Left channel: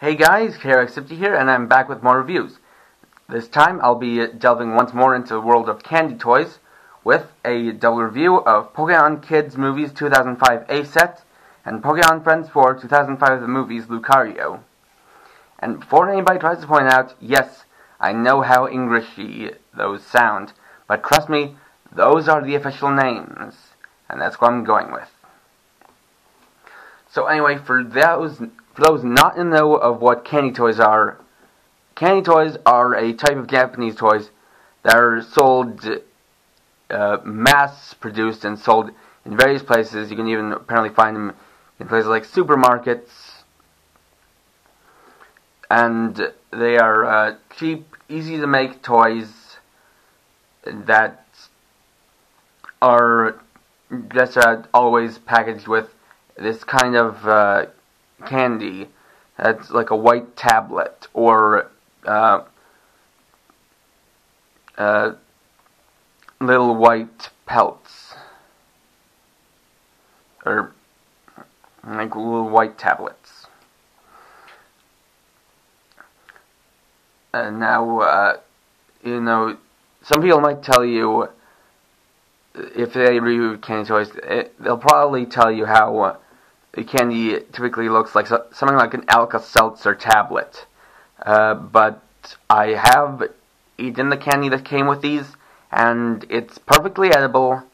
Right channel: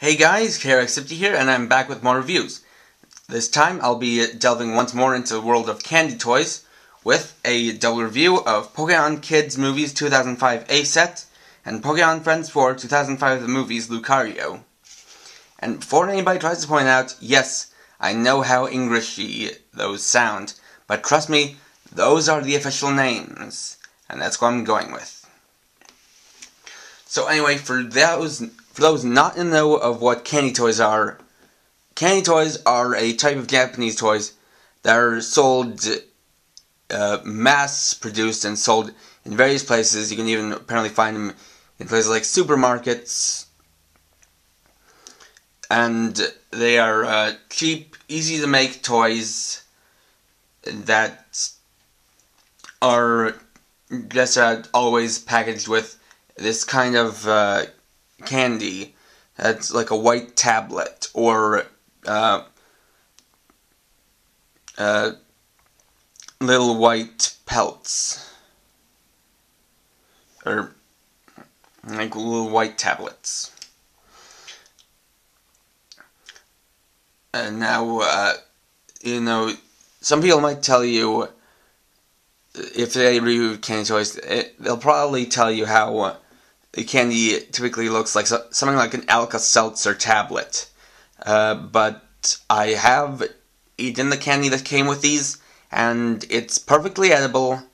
Hey guys, KRX50 here, and I'm back with more reviews. This time I'll be delving once more into the world of candy toys with a double review of Pokemon Kids Movies 2005 A Set and Pokemon Friends 4 2005 The Movies Lucario. And before anybody tries to point out, yes, I know how Englishy those sound, but trust me, those are the official names, and that's what I'm going with. So anyway, for those not in the know of what candy toys are a type of Japanese toys that are sold, mass-produced and sold in various places. You can even apparently find them in places like supermarkets. And they are cheap, easy-to-make toys that are just always packaged with this kind of candy that's like a white tablet or little white pelts or like little white tablets. And now, some people might tell you, if they review candy toys, they'll probably tell you how the candy typically looks like something like an Alka-Seltzer tablet. But I have eaten the candy that came with these, and it's perfectly edible.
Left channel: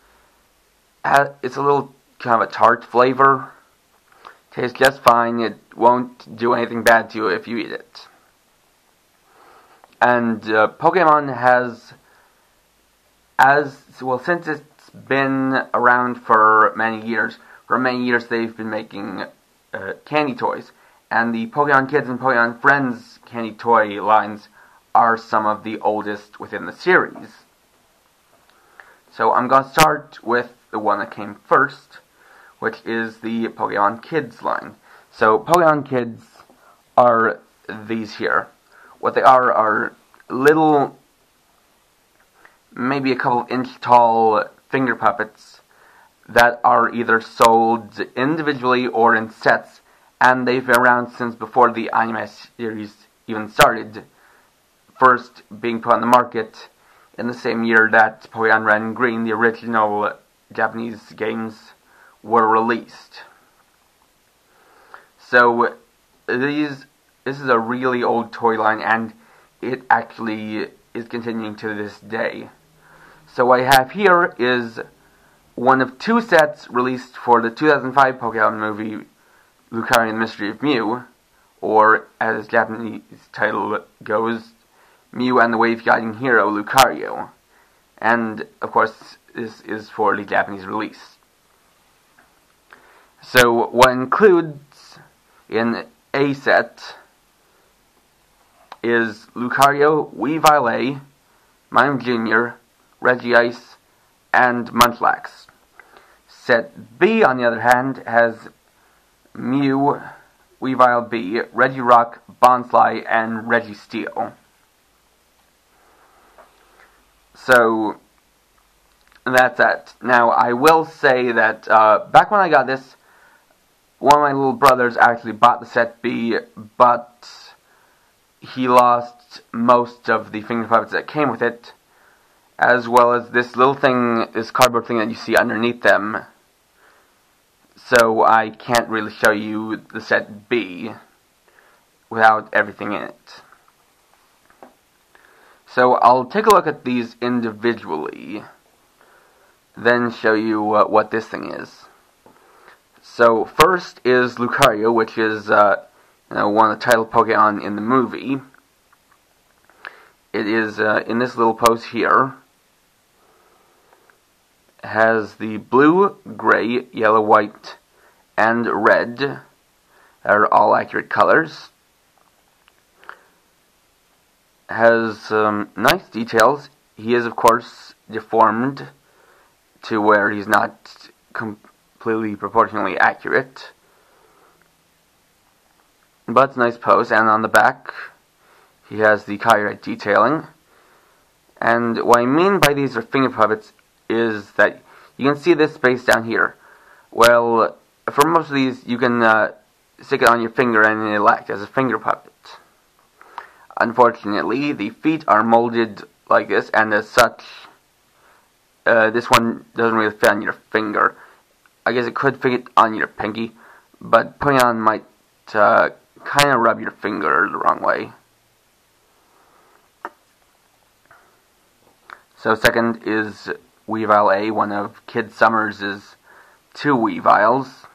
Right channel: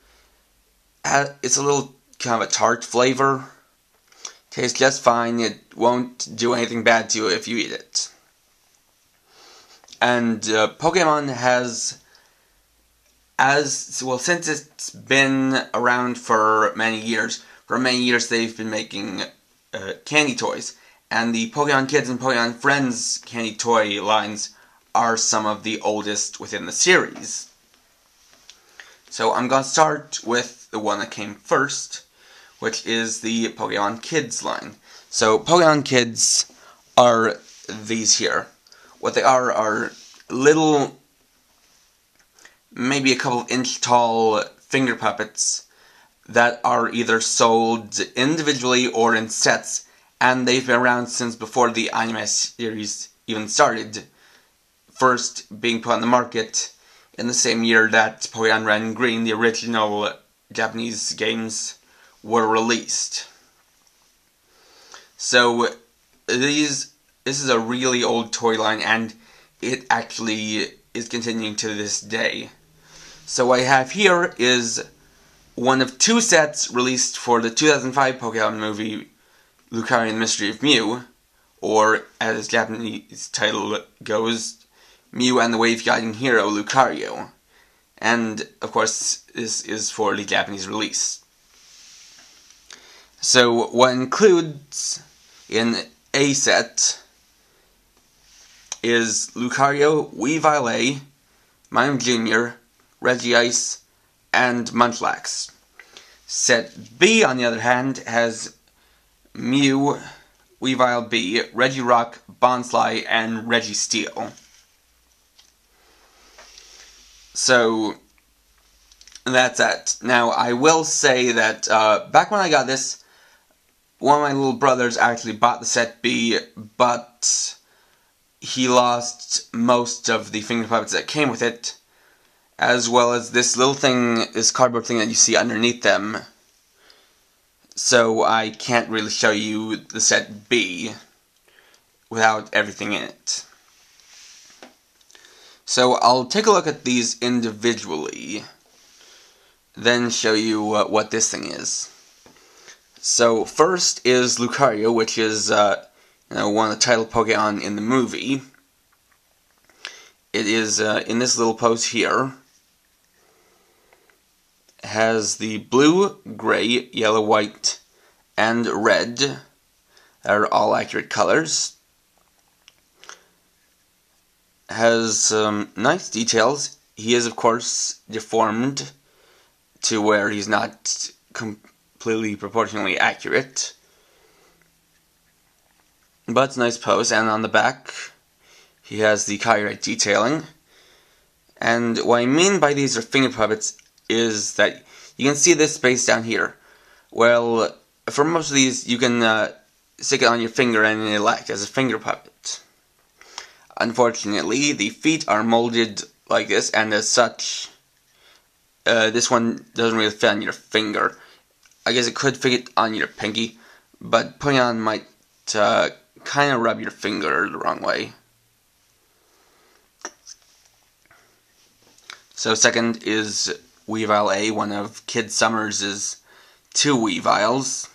It's a little kind of a tart flavor. Tastes just fine. It won't do anything bad to you if you eat it. And Pokemon has, since it's been around for many years, they've been making candy toys. And the Pokemon Kids and Pokemon Friends candy toy lines are some of the oldest within the series. So I'm going to start with the one that came first, which is the Pokemon Kids line. So Pokemon Kids are these here. What they are little, maybe a couple inch tall finger puppets that are either sold individually or in sets, and they've been around since before the anime series even started, first being put on the market in the same year that Pokemon Red and Green, the original Japanese games, were released. So this is a really old toy line, and it actually is continuing to this day. So what I have here is one of two sets released for the 2005 Pokemon movie Lucario and the Mystery of Mew, or as its Japanese title goes, Mew and the Wave Guiding Hero Lucario. And of course this is for the Japanese release. So what includes in a set is Lucario, Weavile, Mime Jr., Regice, and Munchlax. Set B, on the other hand, has Mew, Weavile B, Regirock, Bonsly, and Registeel. So that's it. Now, I will say that back when I got this, one of my little brothers actually bought the set B, but he lost most of the finger puppets that came with it, as well as this little thing, this cardboard thing that you see underneath them. So I can't really show you the set B without everything in it. So I'll take a look at these individually, then show you what this thing is. So first is Lucario, which is one of the title Pokemon in the movie. It is in this little pose here. It has the blue, gray, yellow, white, and red that are all accurate colors. It has nice details. He is, of course, deformed to where he's not completely proportionally accurate. But it's a nice pose, and on the back he has the copyright detailing. And what I mean by these are finger puppets is that you can see this space down here. Well, for most of these you can stick it on your finger and it'll act as a finger puppet. Unfortunately, the feet are molded like this, and as such, this one doesn't really fit on your finger. I guess it could fit on your pinky, but putting it on might kind of rub your finger the wrong way. So second is Weavile A, one of Kid Summers' 2 Weaviles.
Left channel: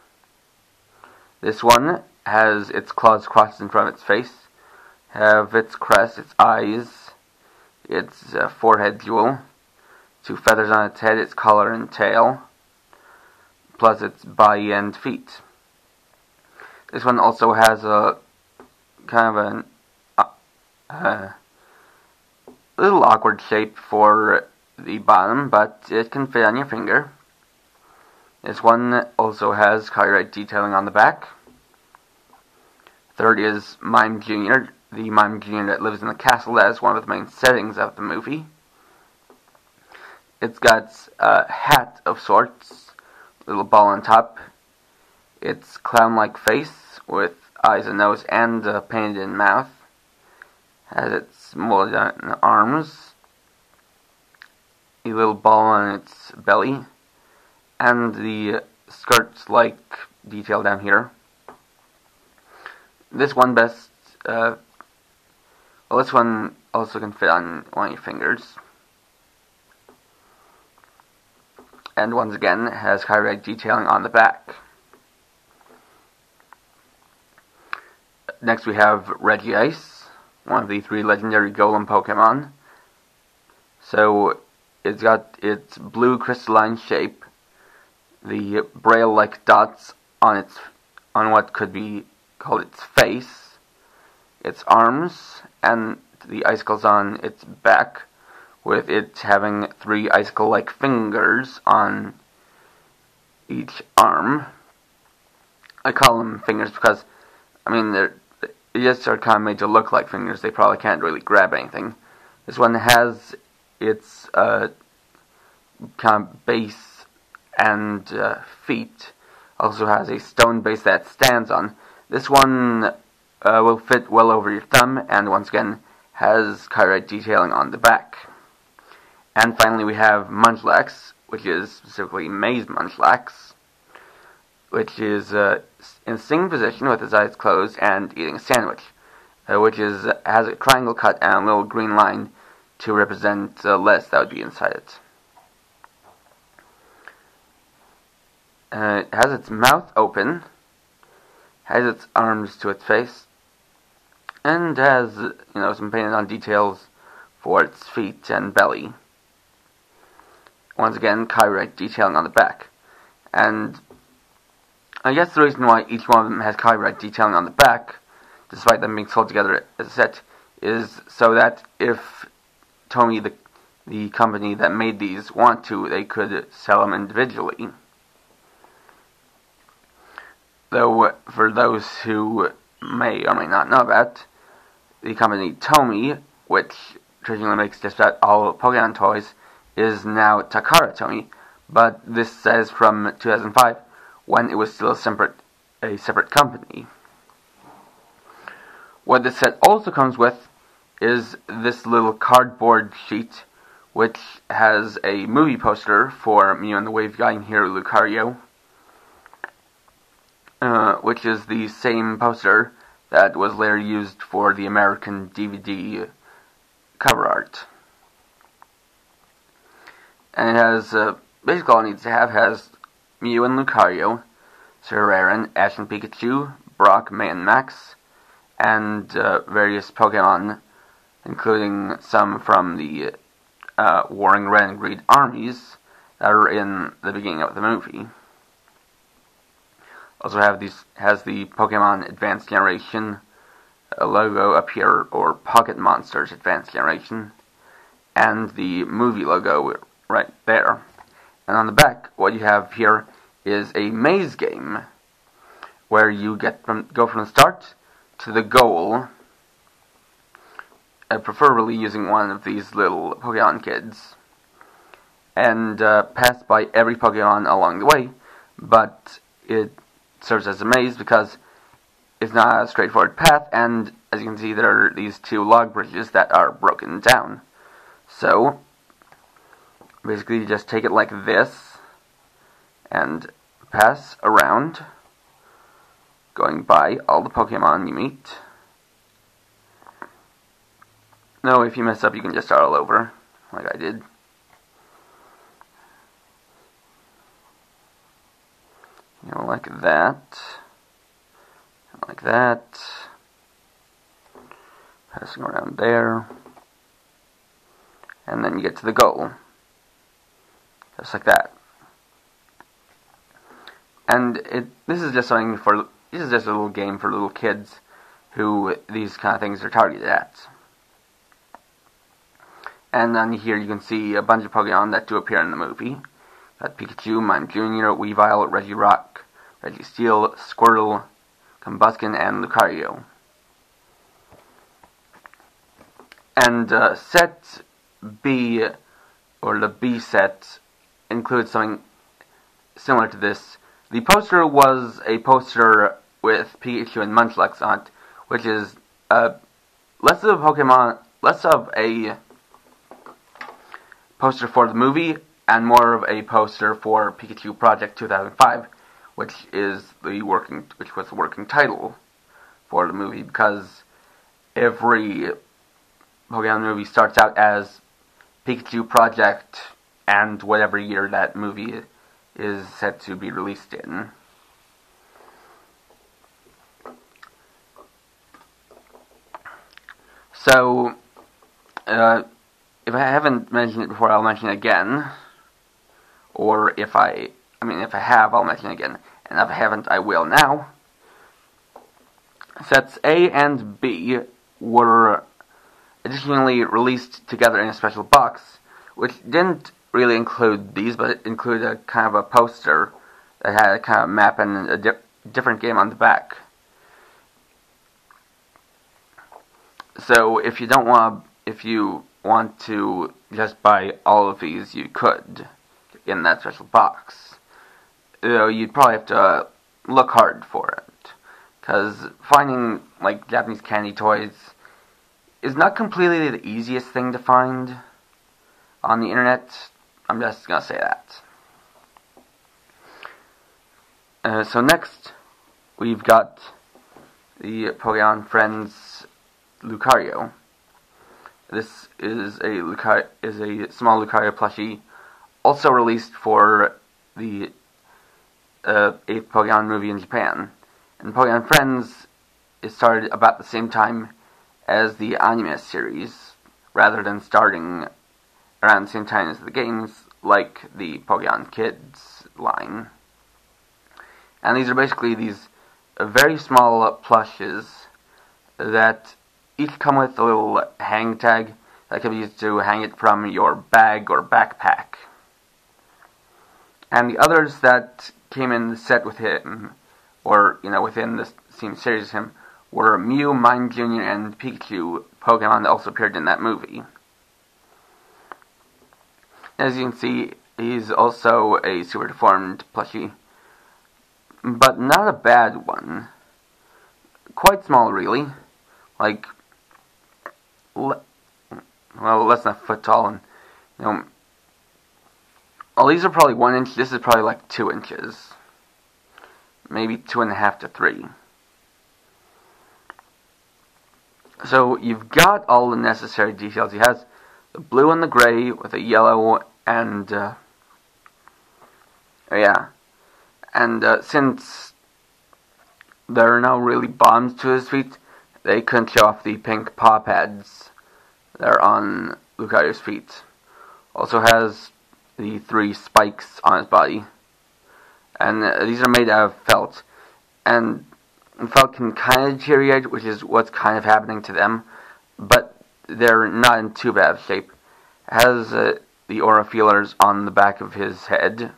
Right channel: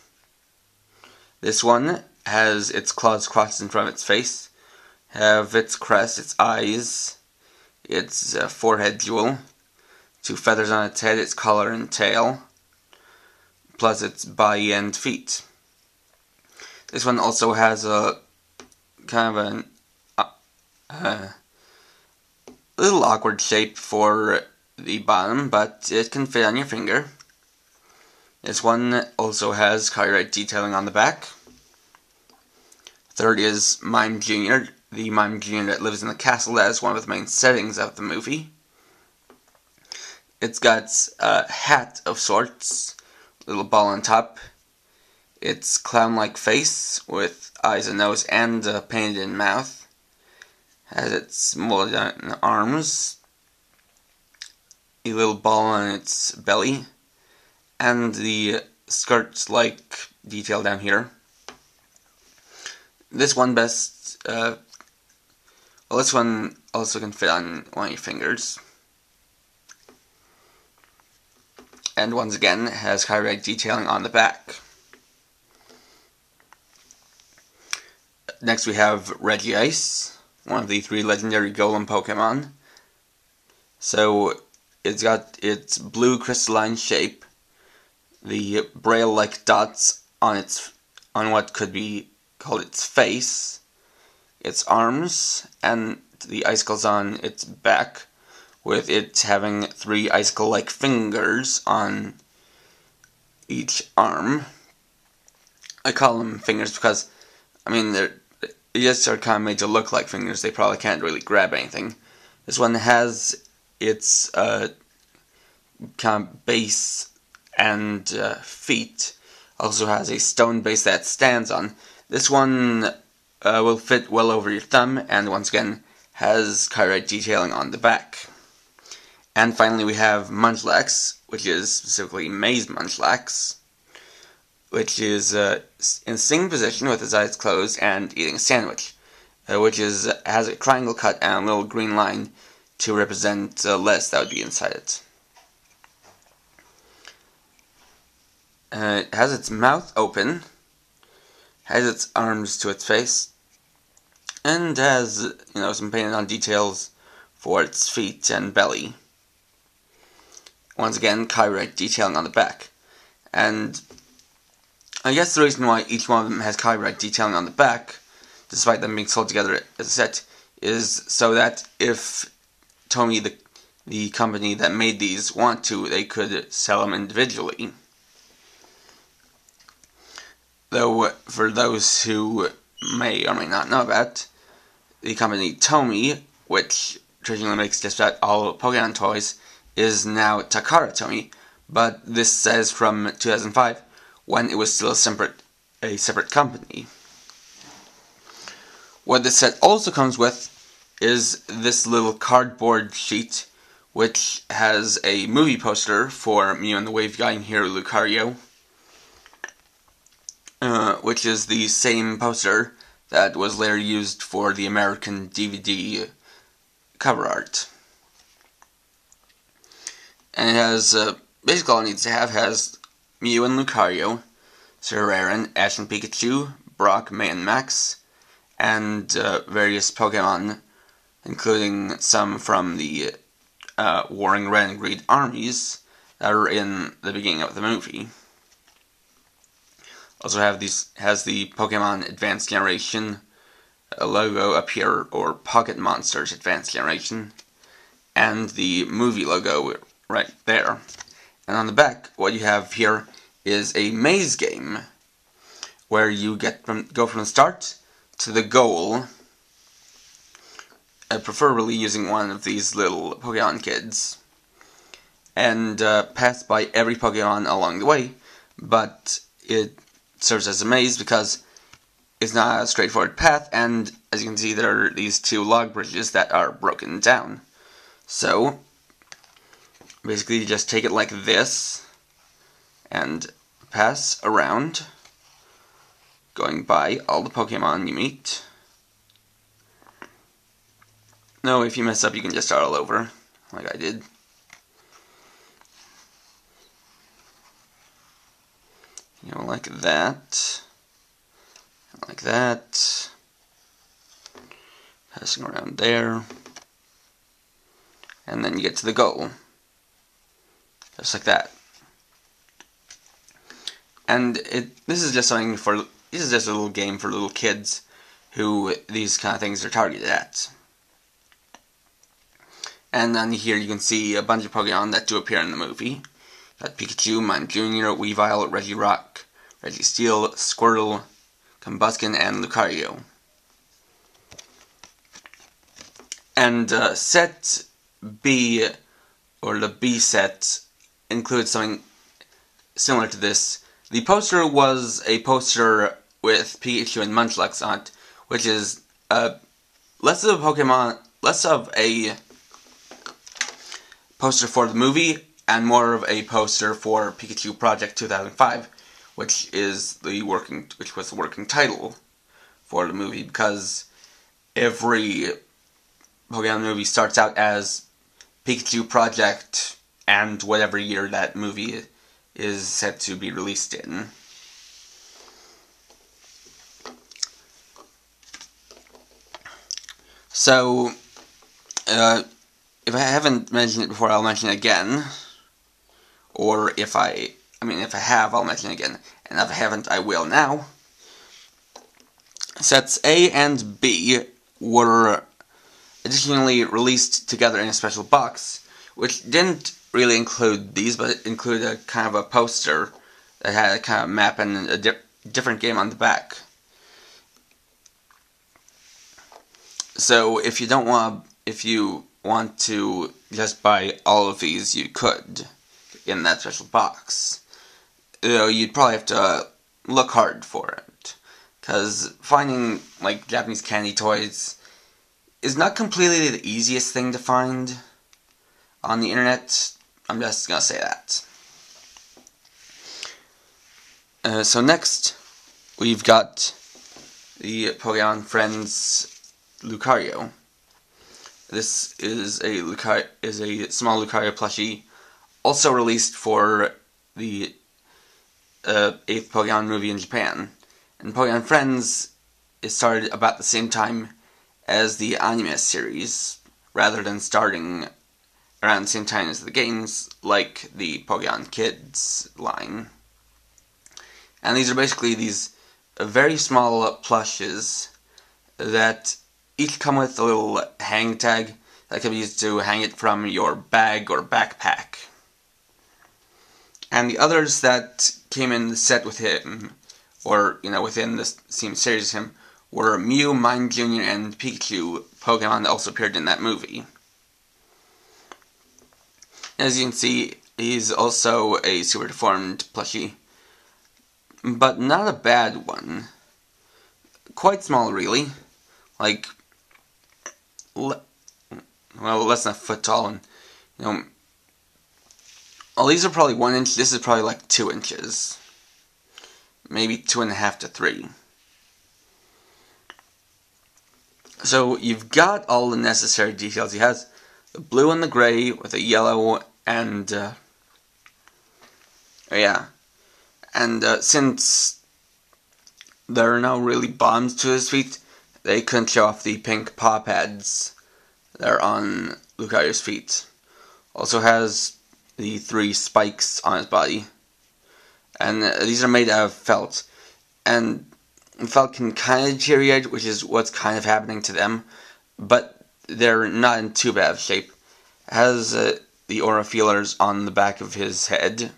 This one has its claws crossed in front of its face, have its crest, its eyes, its forehead jewel, 2 feathers on its head, its collar and tail, plus its body and feet. This one also has a kind of a little awkward shape for the bottom, but it can fit on your finger. This one also has copyright detailing on the back. Third is Mime Jr., the Mime Jr. that lives in the castle. That is one of the main settings of the movie. It's got a hat of sorts, little ball on top. Its clown-like face with eyes and nose and a painted-in mouth. Has its molded arms, a little ball on its belly, and the skirts-like detail down here. This one this one also can fit on one of your fingers. And once again, has copyright detailing on the back. Next we have Regice, one of the 3 legendary Golem Pokemon. So, it's got its blue crystalline shape, the braille-like dots on what could be called its face, its arms, and the icicles on its back, with it having 3 icicle-like fingers on each arm. I call them fingers because, I mean, they just are kind of made to look like fingers. They probably can't really grab anything. This one has its kind of base and feet. Also has a stone base that it stands on. This one will fit well over your thumb, and once again has copyright detailing on the back. And finally we have Munchlax, which is specifically Maze Munchlax, which is in a sitting position with his eyes closed and eating a sandwich, which has a triangle cut and a little green line to represent lettuce that would be inside it. It has its mouth open, has its arms to its face, and has, some painted on details for its feet and belly. Once again, copyright detailing on the back. And I guess the reason why each one of them has copyright detailing on the back, despite them being sold together as a set, is so that if Tomy, the company that made these, want to, they could sell them individually. Though, for those who may or may not know about, the company Tomy, which traditionally makes just about all Pokemon toys, is now Takara Tomy, but this says from 2005, when it was still a separate company. What this set also comes with is this little cardboard sheet, which has a movie poster for Mew and the Wave Guiding Hero Lucario, which is the same poster that was later used for the American DVD cover art. And it has, basically all it needs to have has Mew and Lucario, Sir Aaron, Ash and Pikachu, Brock, May and Max, and various Pokemon, including some from the Warring Red and Green armies that are in the beginning of the movie. Also has the Pokemon Advanced Generation logo up here, or Pocket Monsters Advanced Generation, and the movie logo right there. And on the back, what you have here is a maze game, where you go from the start to the goal, preferably using one of these little Pokemon kids, and pass by every Pokemon along the way, but it serves as a maze because is not a straightforward path, and as you can see, there are these two log bridges that are broken down. So, basically, you just take it like this, and pass around, going by all the Pokemon you meet. No, if you mess up, you can just start all over, like I did. You know, like that. Like that. Passing around there. And then you get to the goal. Just like that. And this is just a little game for little kids who these kind of things are targeted at. And then here you can see a bunch of Pokemon that do appear in the movie. Got Pikachu, Mime Jr., Weavile, Regirock, Registeel, Squirtle, Combusken, and Lucario. And set B, or the B set, includes something similar to this. The poster was a poster with Pikachu and Munchlax on it, which is less of a poster for the movie and more of a poster for Pikachu Project 2005, which was the working title for the movie, because every Pokemon movie starts out as Pikachu Project and whatever year that movie is set to be released in. So, if I haven't mentioned it before, I'll mention it again. Or if I have, I'll mention it again. And if I haven't, I will now. Sets A and B were additionally released together in a special box, which didn't really include these, but it included a kind of a poster that had a kind of map and a different game on the back. So if you want to just buy all of these, you could in that special box. You'd probably have to look hard for it, because finding like Japanese candy toys is not completely the easiest thing to find on the internet. I'm just gonna say that. So next, we've got the Pokemon Friends Lucario. This is a small Lucario plushie, also released for the 8th Pokemon movie in Japan. And Pokemon Friends is started about the same time as the anime series, rather than starting around the same time as the games, like the Pokemon Kids line. And these are basically these very small plushes that each come with a little hang tag that can be used to hang it from your bag or backpack. And the others that came in the set with him, or within the same series as him, were Mew, Mime Jr., and Pikachu Pokemon that also appeared in that movie. As you can see, he's also a super deformed plushie, but not a bad one. Quite small, really. Like, less than a foot tall, and all these are probably 1 inch. This is probably like 2 inches, maybe 2.5 to 3. So you've got all the necessary details. He has the blue and the gray with a yellow and since there are no really bottoms to his feet, they couldn't show off the pink paw pads that are on Lucario's feet. Also has the 3 spikes on his body, and these are made out of felt, and felt can kind of deteriorate, which is what's kind of happening to them, but they're not in too bad of shape. It has the aura feelers on the back of his head,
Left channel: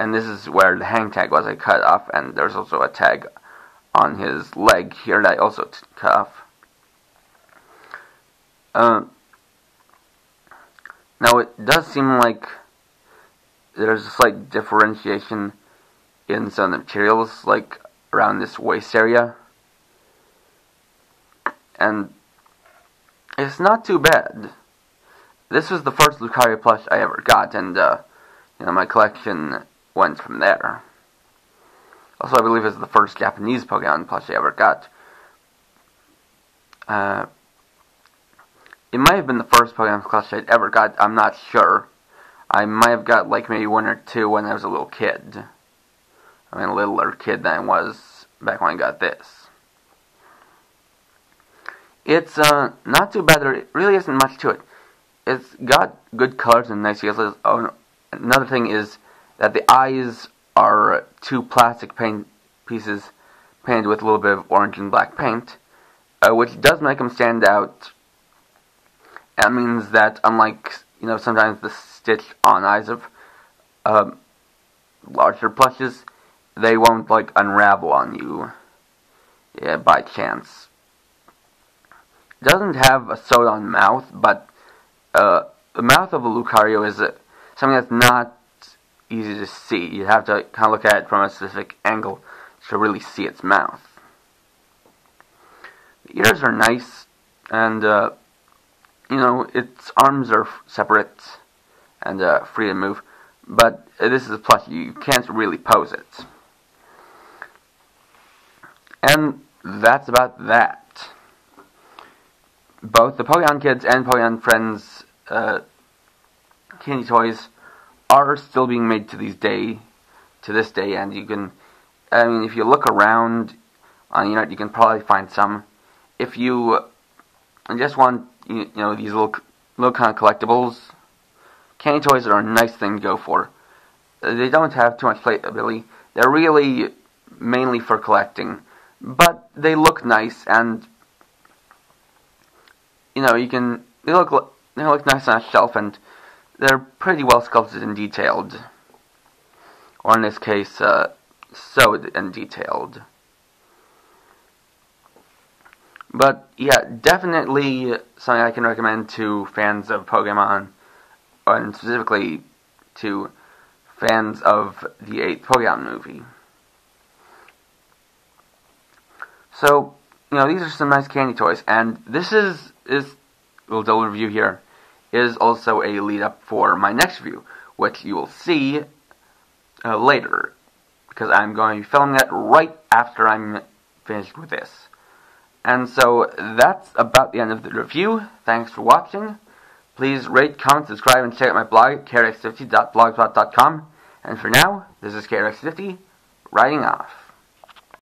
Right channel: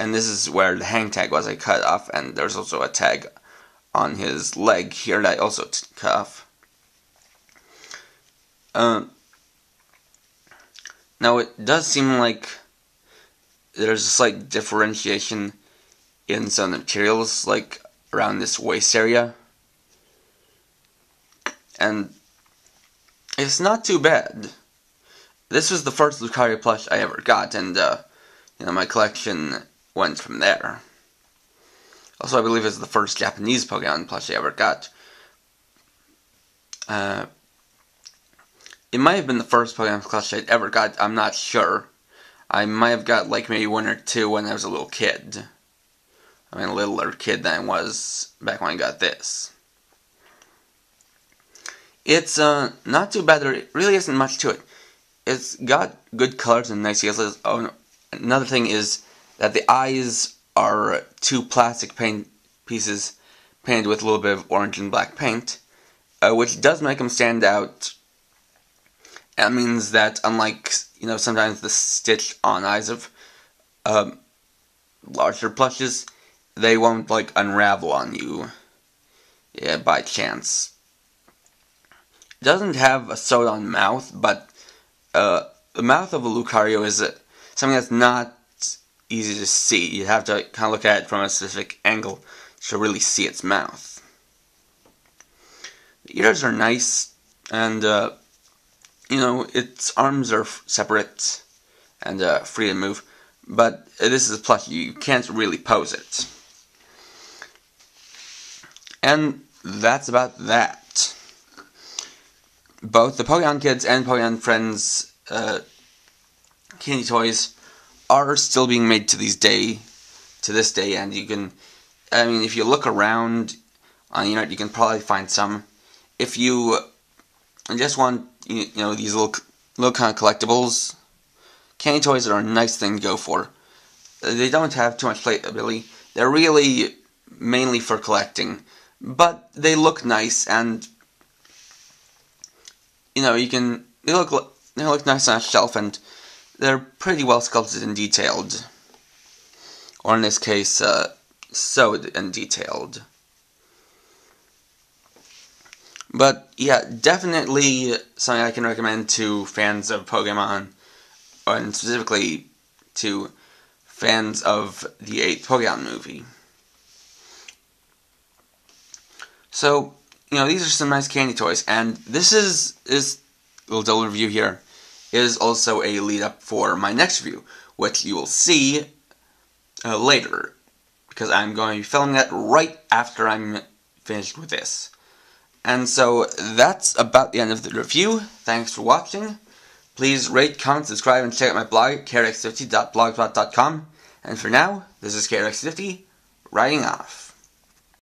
and this is where the hang tag was. I cut off, and there's also a tag on his leg here that I also cut off. Now it does seem like there's a slight differentiation in some of the materials, like around this waist area. and it's not too bad. This was the first Lucario plush I ever got, and my collection went from there. Also, I believe it's the first Japanese Pokemon plush I ever got. It might have been the first Pokemon plush I'd ever got, I'm not sure. I might have got like maybe one or two when I was a little kid. I mean, a littler kid than I was back when I got this. It's not too bad. There really isn't much to it. It's got good colors and nice details. Oh, another thing is that the eyes are two plastic paint pieces painted with a little bit of orange and black paint, which does make them stand out. That means that unlike, sometimes the stitched-on eyes of larger plushes, they won't, unravel on you by chance. It doesn't have a sewed-on mouth, but the mouth of a Lucario is something that's not easy to see. You have to kind of look at it from a specific angle to really see its mouth. The ears are nice, and its arms are separate and free to move, but this is a plush. You can't really pose it. And that's about that. Both the Pokemon Kids and Pokemon Friends candy toys are still being made to this day, and you can, if you look around on the internet, you can probably find some. If you just want, these little kind of collectibles, candy toys are a nice thing to go for. They don't have too much playability. They're really mainly for collecting, but they look nice, and they look nice on a shelf, and they're pretty well sculpted and detailed, or in this case, sewed and detailed. But yeah, definitely something I can recommend to fans of Pokemon, and specifically to fans of the 8th Pokemon movie. So, these are some nice candy toys, and this is a little double review here, is also a lead up for my next review, which you will see later, because I'm going to be filming that right after I'm finished with this. And so, that's about the end of the review. Thanks for watching. Please rate, comment, subscribe, and check out my blog, krx50.blogspot.com. And for now, this is krx50, writing off.